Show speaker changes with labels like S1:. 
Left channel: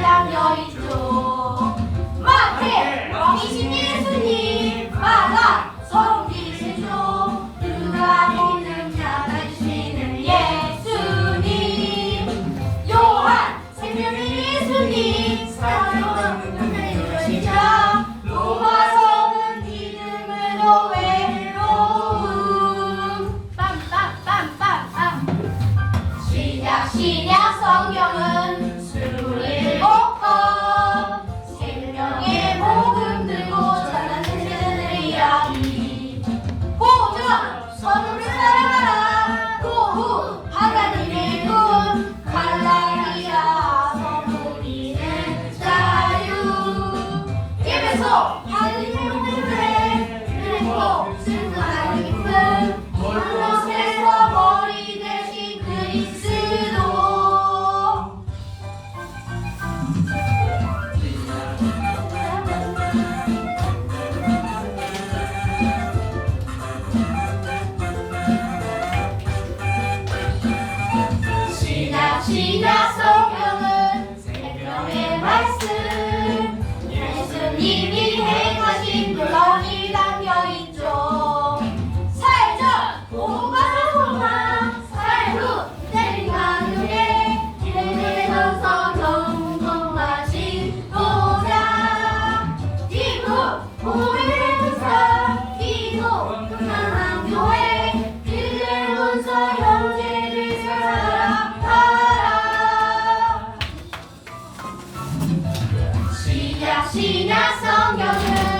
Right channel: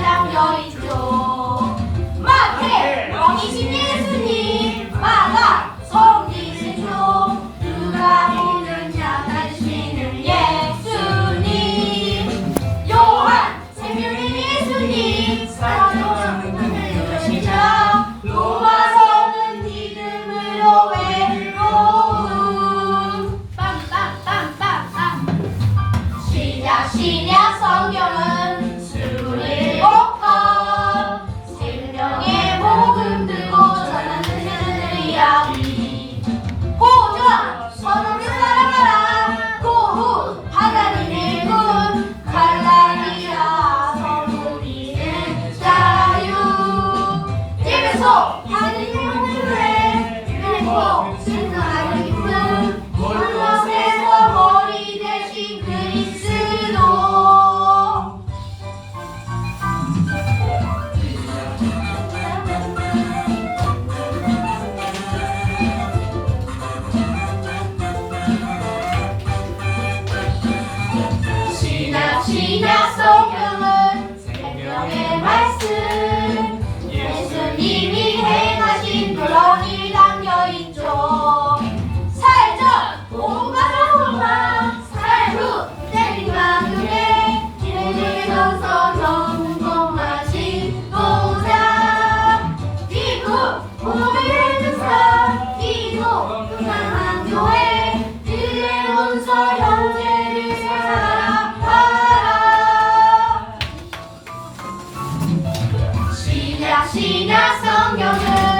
S1: làm dối chuồng 그래서 하나님의 힘을 힘을 놀란 일 담겨 있죠. 살전 온갖 소망. 살후 때린 나중에 내리셔서 경험하신 도장 지구 몸의 주사. 기도 금양한 교회. 진리 문서 형제를 사랑하라. 신약 신약 성경은